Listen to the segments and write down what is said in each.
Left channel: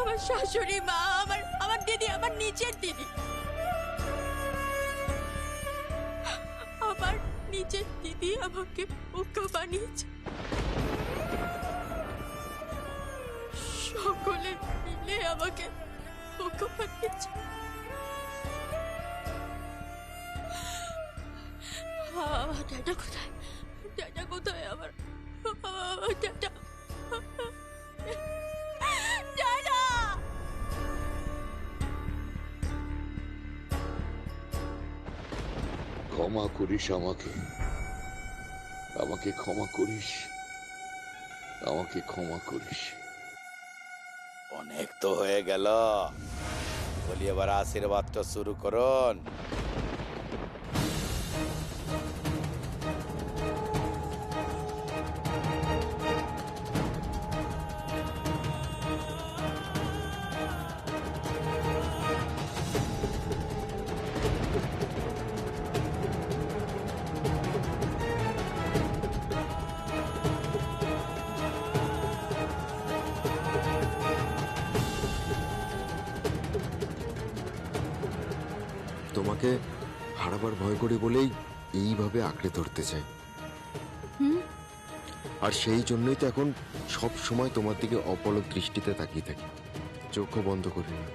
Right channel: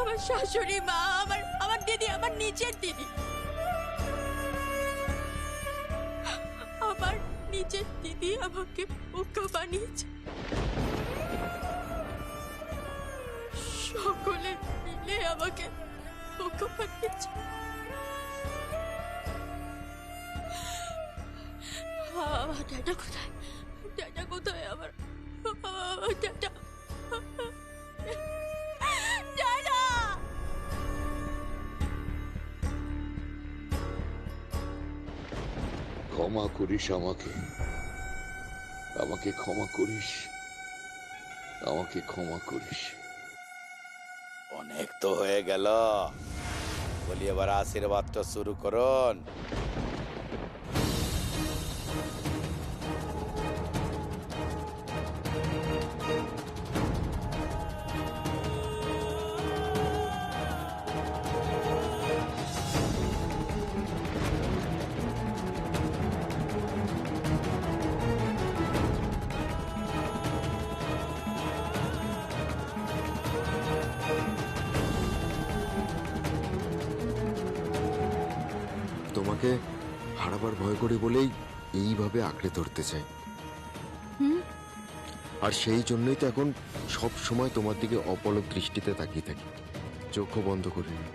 আমার শাশুড়ি মা, আমার আমার দিদি, আমার নিজের দিদি, আমার নিজের দিদি আমাকে বোকা বানিয়েছে। সকলে মিলে আমাকে বোকা বানিয়েছে। আমার ড্যাডা কোথায়? ড্যাডা কোথায়? আমার ড্যাডা, ড্যাডা! ক্ষমা করিস আমাকে, আমাকে ক্ষমা করিস, আমাকে ক্ষমা করিস। অনেক তো হয়ে গেল, বলি এবার আশীর্বাদটা শুরু করুন। তোমাকে হারাবার ভয় করি বলেই এইভাবে আঁকড়ে ধরতে চাই। আর সেই জন্যই তো এখন সব সময় তোমার দিকে অপলক দৃষ্টিতে তাকিয়ে থাকি, চোখও বন্ধ করি না।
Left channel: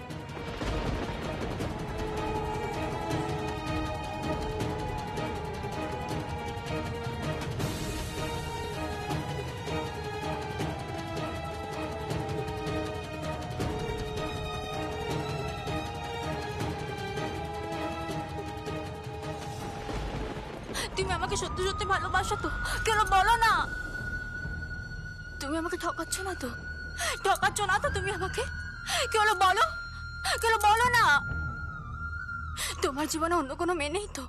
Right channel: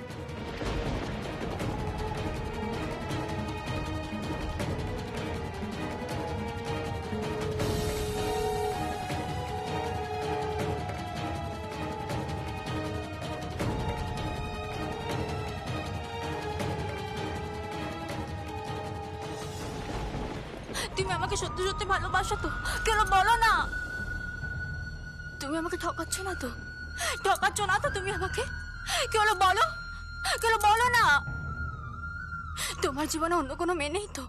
তুমি আমাকে সত্যি সত্যি ভালোবাসো তো? কেন বলো না? তুমি আমাকে ঠকাচ্ছ না তো? ঠকাচ্ছ না তো তুমি আমাকে? কেন বলো, কেন বলো না? তোমার জীবনে অন্য কোনো মেয়ে নেই তো?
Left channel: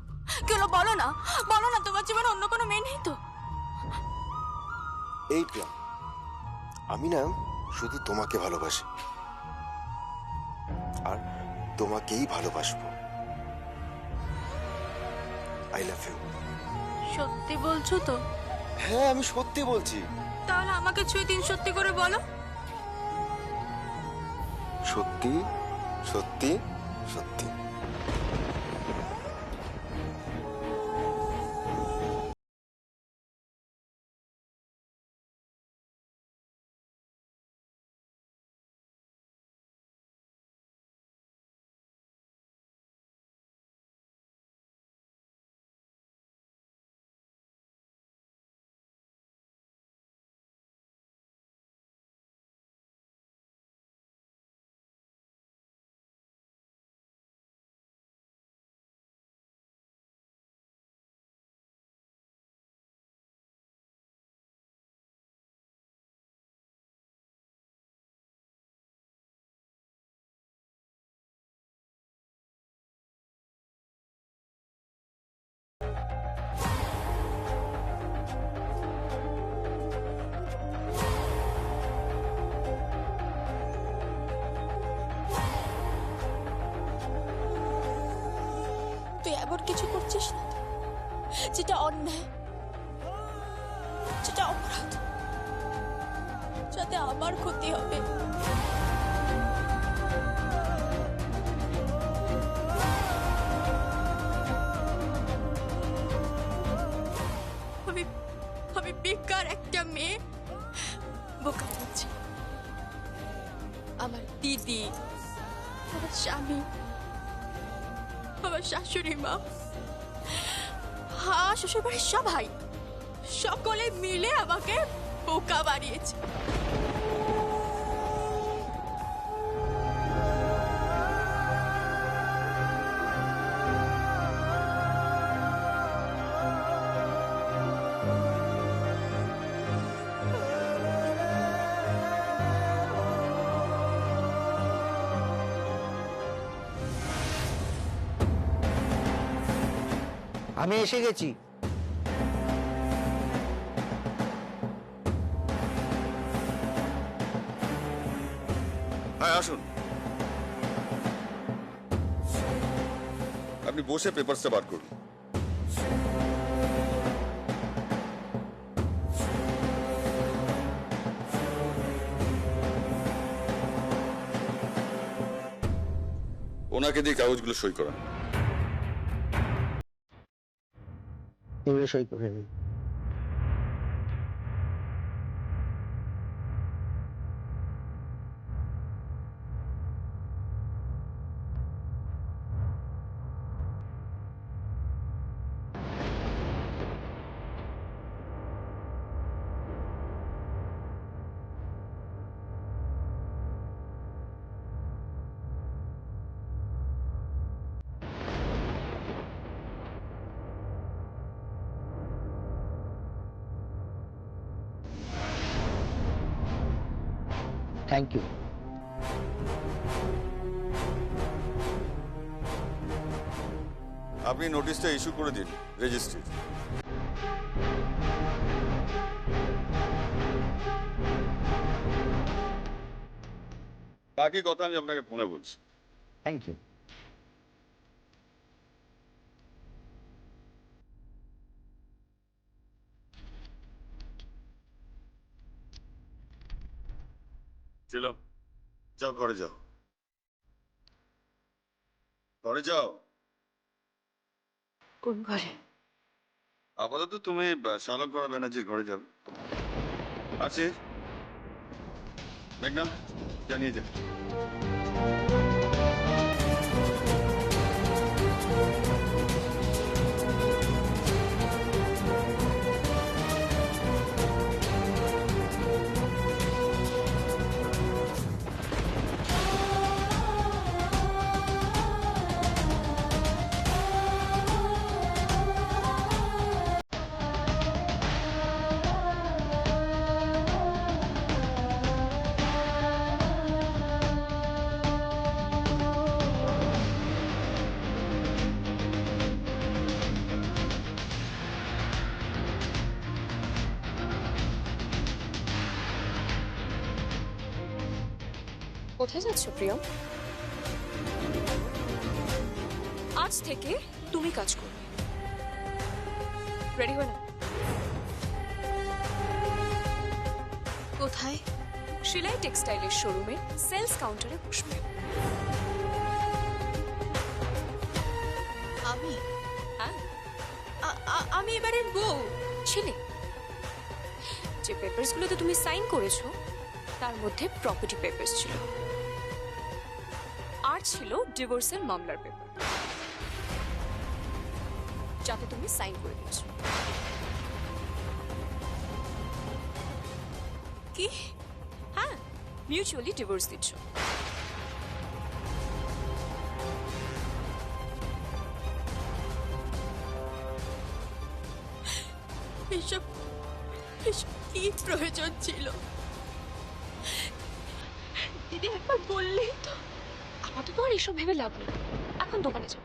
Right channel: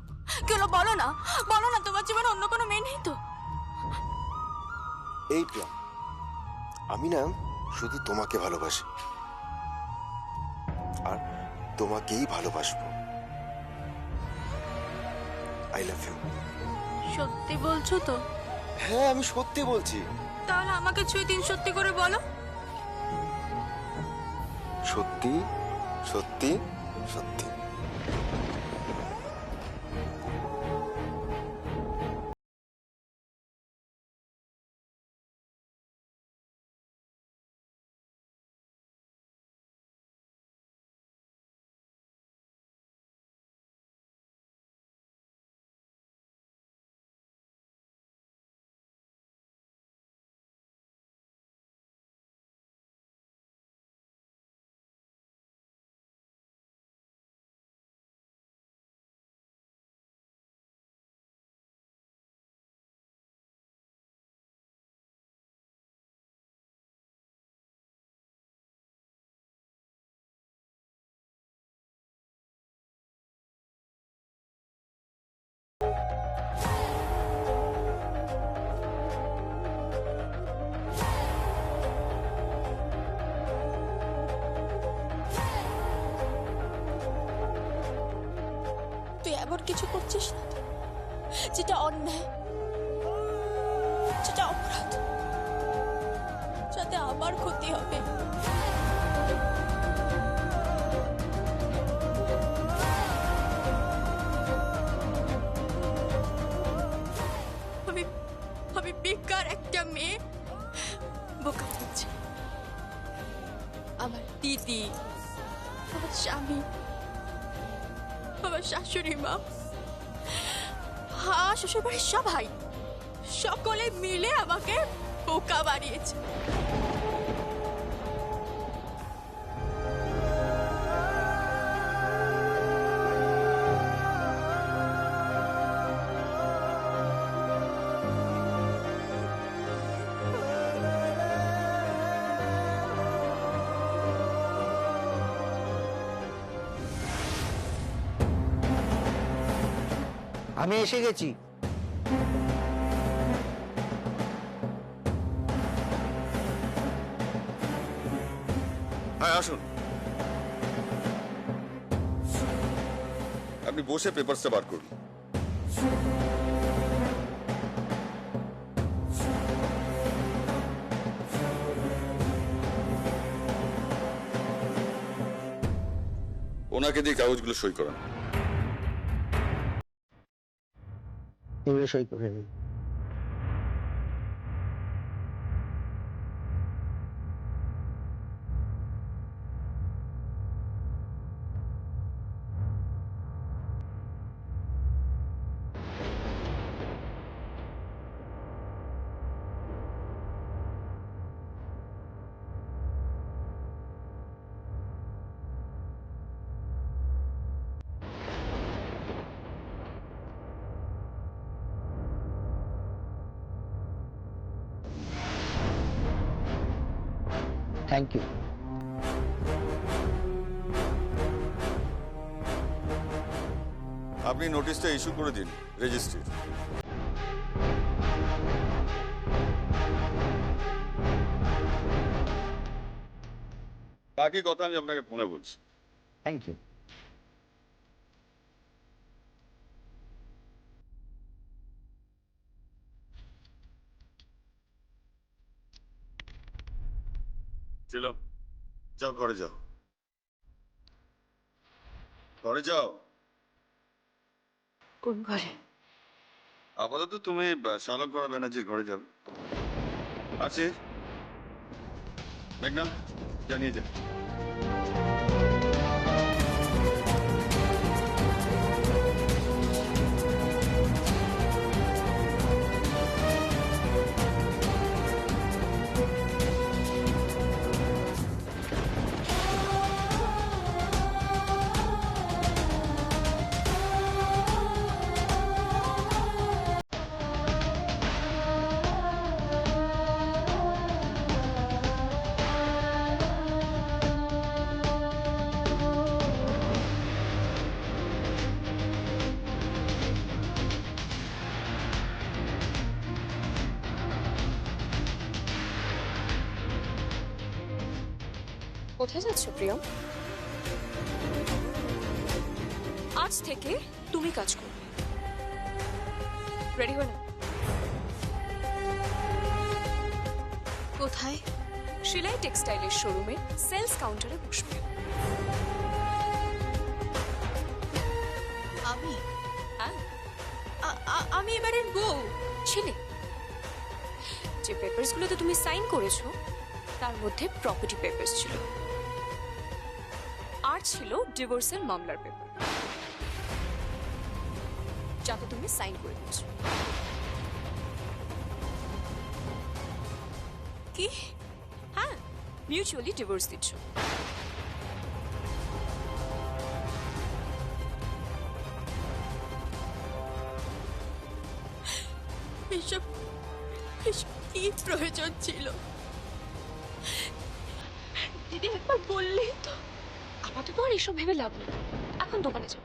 কেন বলো না, বলো না তোমার জীবনে অন্য কোনো মেয়ে নেই তো? এই প্রিয়া, আমি না শুধু তোমাকে ভালোবাসি আর তোমাকেই ভালোবাসবো। I love you. সত্যি বলছো তো? হ্যাঁ, আমি সত্যি বলছি। তাহলে আমাকে ছুঁয়ে দিন, সত্যি করে বলো। সত্যি সত্যি সত্যি। তুই এমন কিছু করছিস না তো যেটা অন্যায়, যেটা অপরাধ, যাতে আমার ক্ষতি হবে। আমি আমি বেকার একটা মেয়ে বোকা হচ্ছে। আমার দিদি, আমার স্বামী, আমার শাশুড়ি মা, শ্বশুর বাড়ির সবাই, সকলে মিলে আমাকে বোকা বানিয়েছে। আমি এসে গেছি। হ্যাঁ আসুন, আপনি বসে পেপারসটা বার করুন। ওনাকে দিয়ে কাগজগুলো সই করান। এগুলো সই করে নিন। Thank you. আপনি নোটিশটা ইস্যু করে দিন রেজিস্ট্রির। বাকি কথা আমি আপনাকে ফোনে বলছি। Thank you. ছিল, যাও ঘরে যাও, ঘরে যাও। কোন ঘরে? আপাতত তুমি শালক ব্যানার্জির ঘরে যাবে। আছে মেঘনা, জানিয়ে যা। কোথায় যাচ্ছ প্রিয়ম? আজ থেকে তুমি কাজ করবে। রেডি হয়ে না? কোথায়? শিলাই টেক্সটাইলের শোরুমে সেলস কাউন্টারে বসবে। আমি? হ্যাঁ, আমি এবারের বউ। ছিলে। যে পেপারসগুলোতে তুমি সাইন করেছো তার মধ্যে প্রপার্টি পেপারস ছিল, আর ছিল ডিভোর্সের মামলার পেপার, যাতে তুমি সাইন করে দিয়েছো। কি? হ্যাঁ, মিউচুয়ালি ডিভোর্স দিচ্ছ। এসব এসব কি প্রয়োজন ছিল? দিদি একবার বললেই তো। আপাতত আর এসব ভেবে লাভ নেই, এখন দোকানে যাও।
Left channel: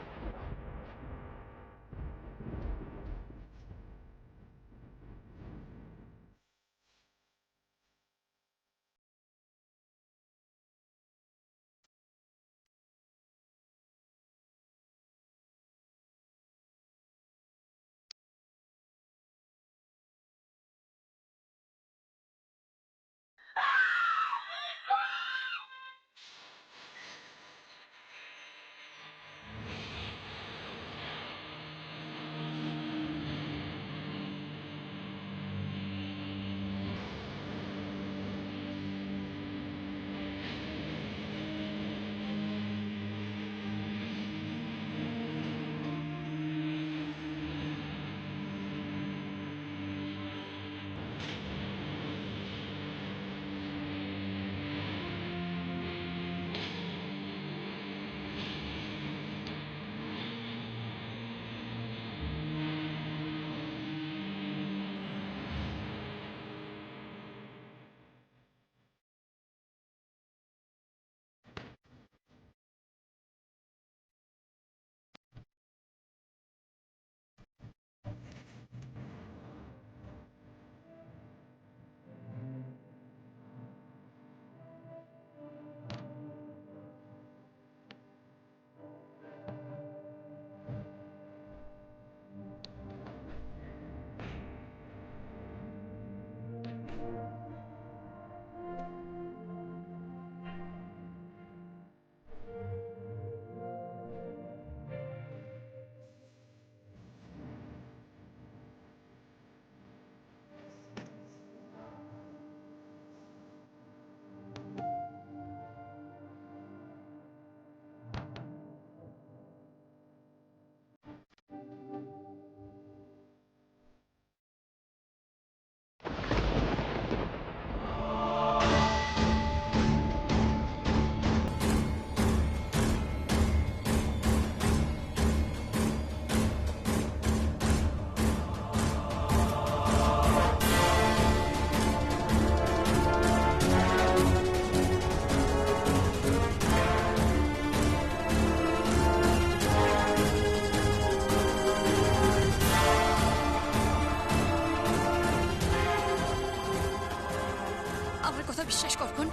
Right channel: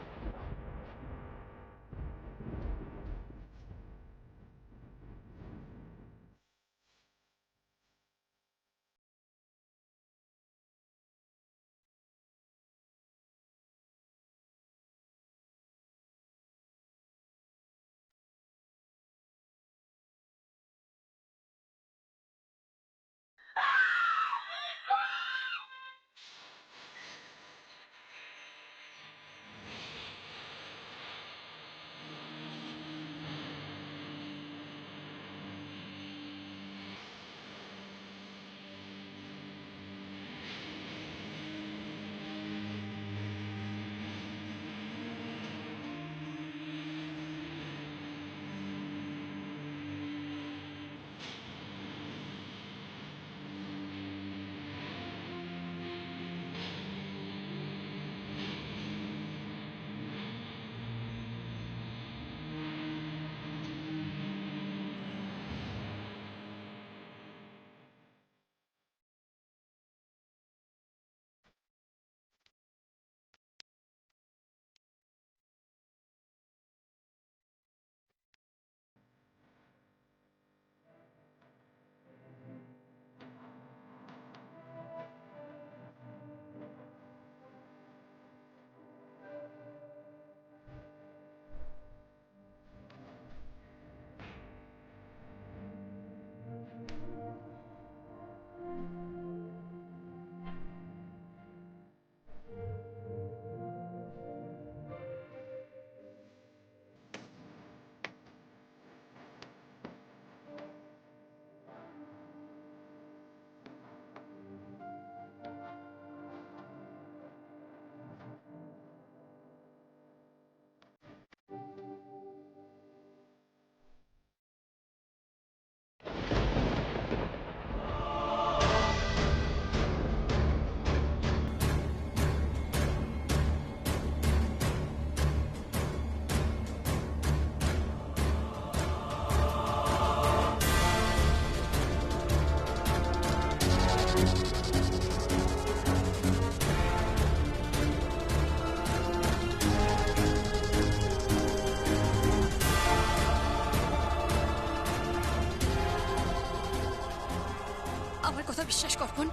বিশ্বাস কর বোন।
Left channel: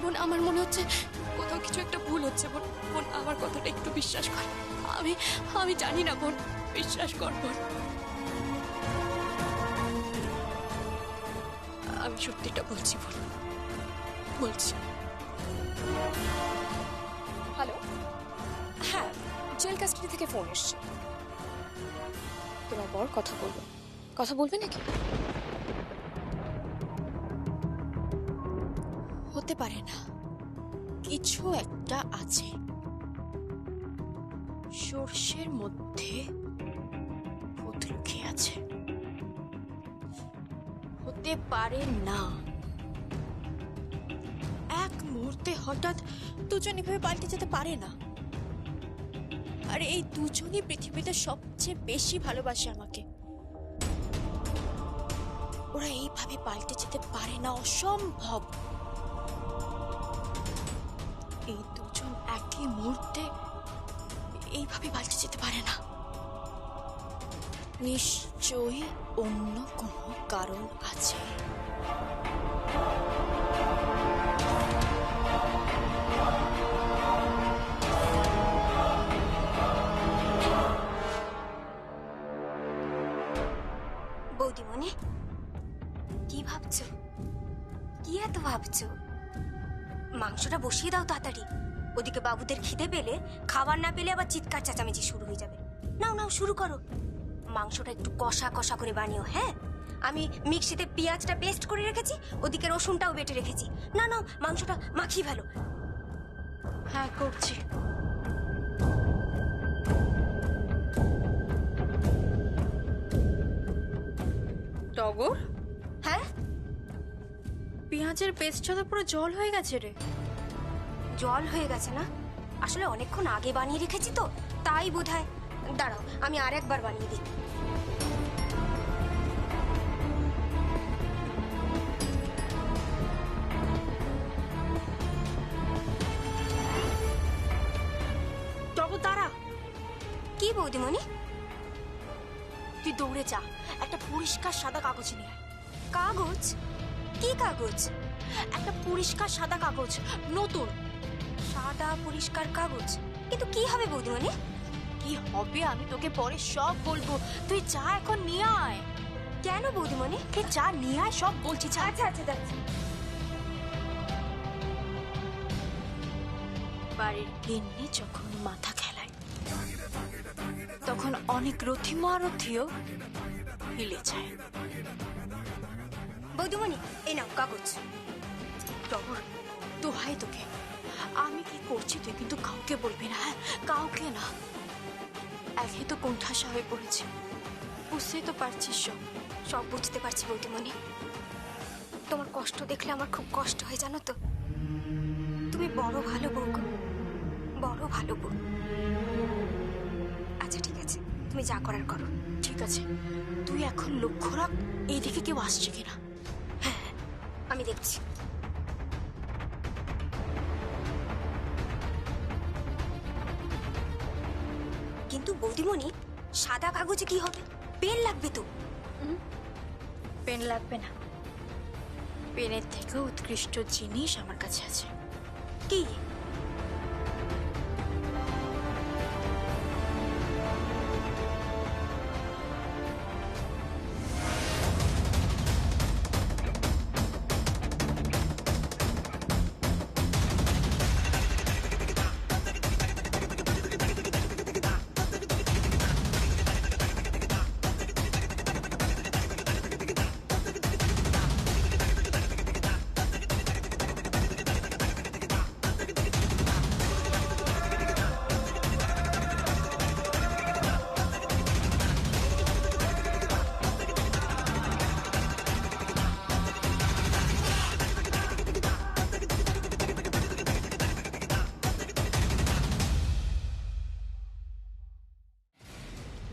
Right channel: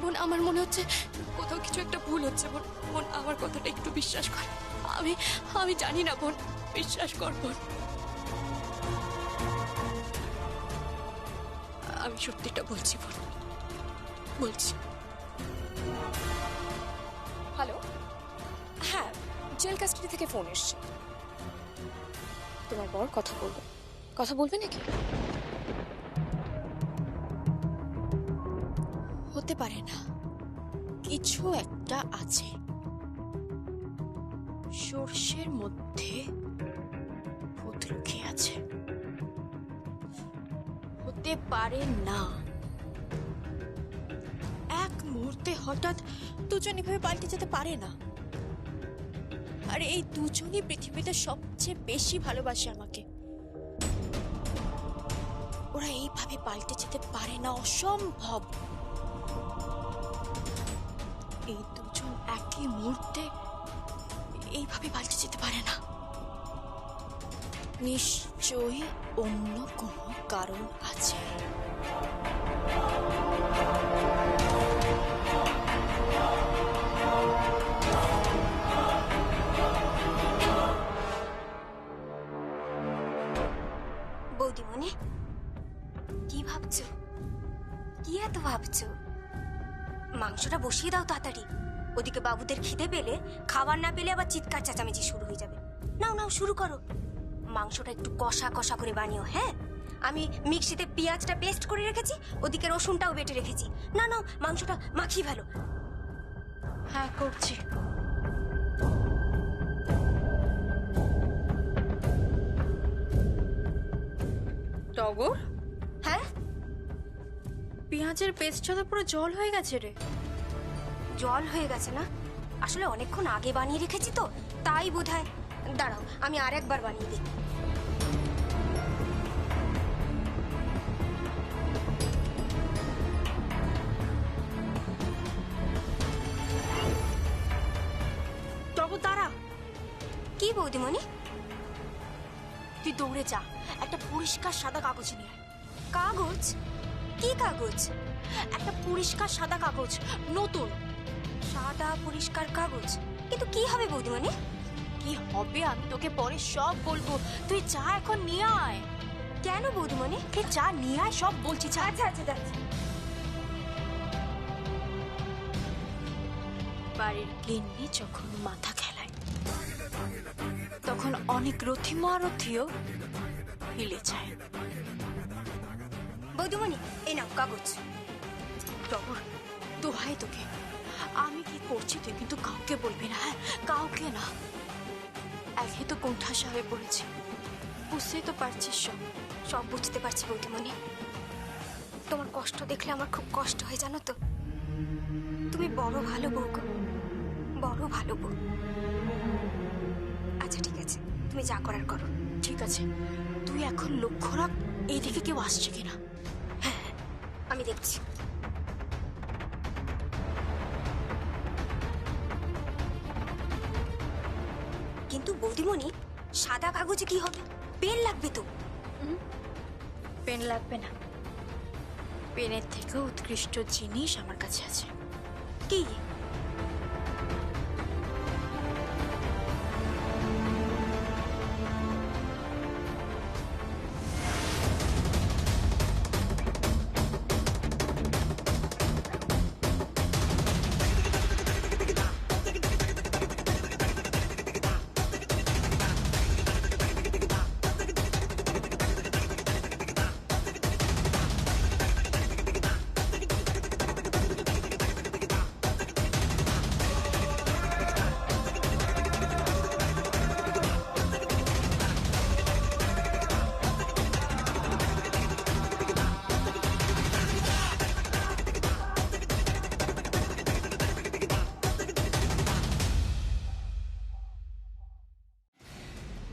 বোন, আমার মনে হচ্ছে কোথাও কিছু একটা ভুল হচ্ছে বোন। বোন, আমার কথাটা একটু বিশ্বাস কর। আমি আমি জানি না বোন, বিশ্বাস কর বোন। আমি সত্যিটা বলছি বোন, বলছি। হ্যালো, হ্যাঁ, জেল কাস্টাডি থেকে ফোন এসছে। তোমার বর কথা বলবে। কথা বলবে নাকি? হতে পারে না, কিছু একটা আছে। সর্ষের মধ্যে ভূত লুকিয়ে আছে। হতে পারে না এক মুহূর্তে হঠাৎ দুজন এভাবে পাল্টে যেতে পারে না। আর এই দুজনই পৃথিবীতে সবচেয়ে বেশি ভালোবাসে আমাকে। ওরা এইভাবে পাল্টে যেতে পারে না, অসম্ভব। এই দুজন একই মুহূর্তে এইভাবে পাল্টে যেতে পারে না। নিশ্চয়ই অন্য কোনো কারণ আছে। বৌদিমণি, কি ভাবছো? কি এত ভাবছো? মাংসটা বসিয়ে দাও তাড়াতাড়ি। ওদিকে বাবুদের খিদে পেলে, খাবার না পেলে আবার চিৎকার চেঁচামেচি শুরু হয়ে যাবে। নাও নাও, শুরু করো। মাংসটা একটু কষা কষা করে বানিও। হ্যাঁ, আমি মিক্সিতে পেঁয়াজটা পেস্ট করে রেখেছি, ওদিকে রসুনটাও বেটে রেখেছি। না নাও, মাংসটা মাখিয়ে ফেলো। হ্যাঁ, করছি। টগর, হ্যাঁ, পেঁয়াজের পেস্টটা তো পুরো জল হয়ে গেছে রে। জল হয়ে গেছে না? আসলে অনেকক্ষণ আগে বানিয়ে রেখেছি তো, তাই বোধহয়। দাঁড়াও, আমি আর একবার বানিয়ে দিই। টগর দাঁড়া। কি বৌদিমণি? তুই দৌড়ে যা, একটা পরিষ্কার সাদা কাগজ নিয়ে আয়। কাগজ? কি কাগজ? একটা পরিষ্কার সাদা কাগজ, নতুন। সাদা পরিষ্কার কাগজ? কিন্তু কি হবে বৌদিমণি? কি হবে আমি তোকে পরে সব বলবো। তুই যা, এখন নিয়ে আয়। কেন বৌদিমণি? তুই যা, নিয়ে আয়, সব বলছি। যা। আচ্ছা আচ্ছা যাচ্ছি। বাড়ির গিন্নি যখন মাথা খেলায়, তখন অনেক রথী মহারথীও হিলে যায়। বৌদিমণি, এই নাও কাগজ। টগর, দোহাই তোকে, আমি কি করছি তুই কিন্তু কাউকে বলবি না। হ্যাঁ, কাউকে না। একে তো কোণঠাসা হয়ে পড়েছি, বুঝতেই তো পারছিস সব। সব বুঝতে পারছি বৌদিমণি। তোমার কষ্ট দেখলে আমার খুব কষ্ট হয়, জানো তো। তুমি বড় ভালো বউ গো, বড় ভালো বউ। আচ্ছা ঠিক আছে, তুমি যা করার করো। ঠিক আছে, তুই এখন লক্ষ্য রাখ এইদিকে কেউ আসছে কিনা। হ্যাঁ, আমি দেখছি। কিন্তু বৌদিমণি, সাদা কাগজে কি হবে? পেন লাগবে তো। পেন লাগবে না, পেনের থেকেও উৎকৃষ্ট জিনিস আমার কাছে আছে। কি?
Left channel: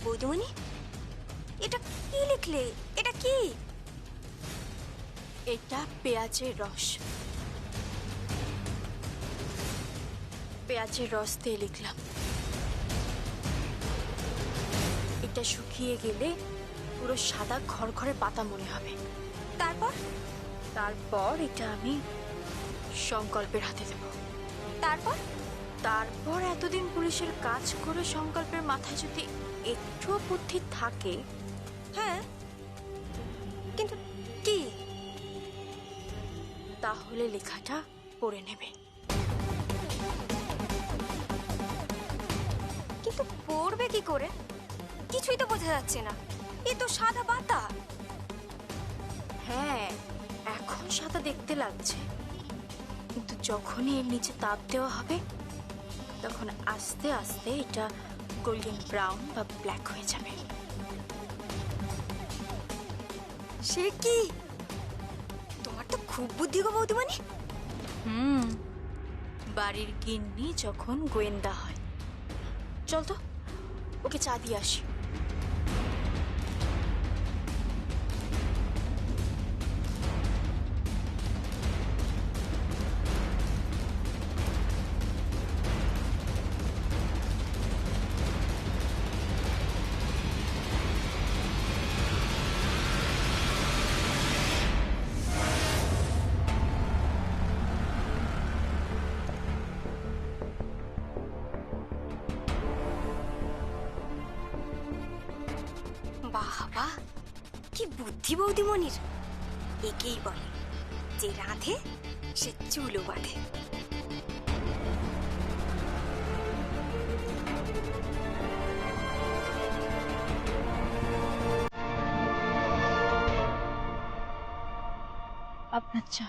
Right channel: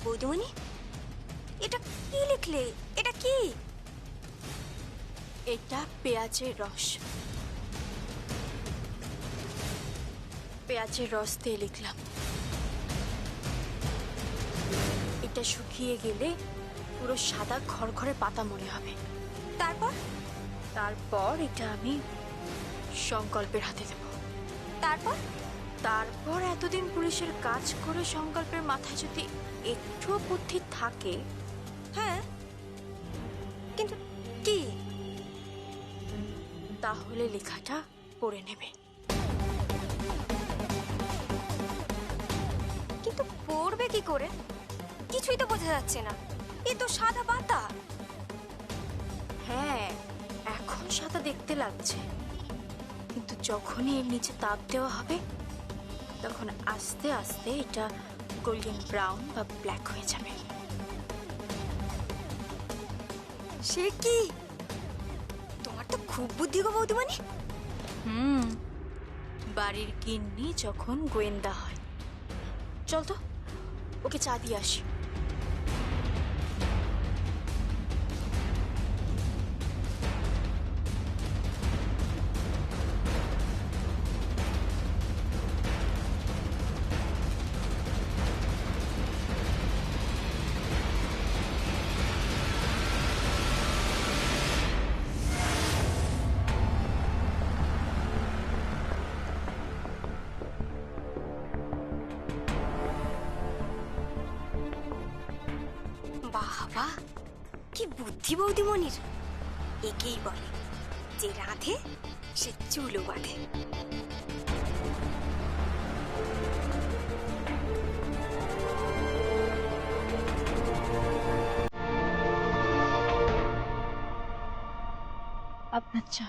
বৌদিমণি, এটা কি লিখলে? এটা কি? এটা পেঁয়াজের রস। পেঁয়াজের রস দিয়ে লিখলাম। এটা শুকিয়ে গেলে পুরো সাদা খড়খড়ে পাতা মনে হবে। তারপর? তারপর এটা আমি সংকল্পের হাতে দেব। তারপর তারপর এতদিন পুলিশের কাজ করে সংকল্পের মাথায় যদি একটুও বুদ্ধি থাকে, হ্যাঁ, কিন্তু কি? তাহলে লেখাটা পড়ে নেবে। কিন্তু পড়বে কি করে? কিছুই তো বোঝা যাচ্ছে না, এ তো সাদা পাতা। হ্যাঁ, এখন সাদা দেখতে লাগছে, কিন্তু যখনই এর নিচে তাপ দেওয়া হবে তখন আস্তে আস্তে এটা গোল্ডেন ব্রাউন বা ব্ল্যাক হয়ে যাবে। সে কি? তোমার তো খুব বুদ্ধি গো বৌদিমণি। বাড়ির গিন্নি যখন গোয়েন্দা হয়। চল তো, ওকে চা দিয়ে আসি। বাবা, কি বুদ্ধি বৌদিমণির! একেই বলে যে রাঁধে সে চুলো বাঁধে। আপনার চা।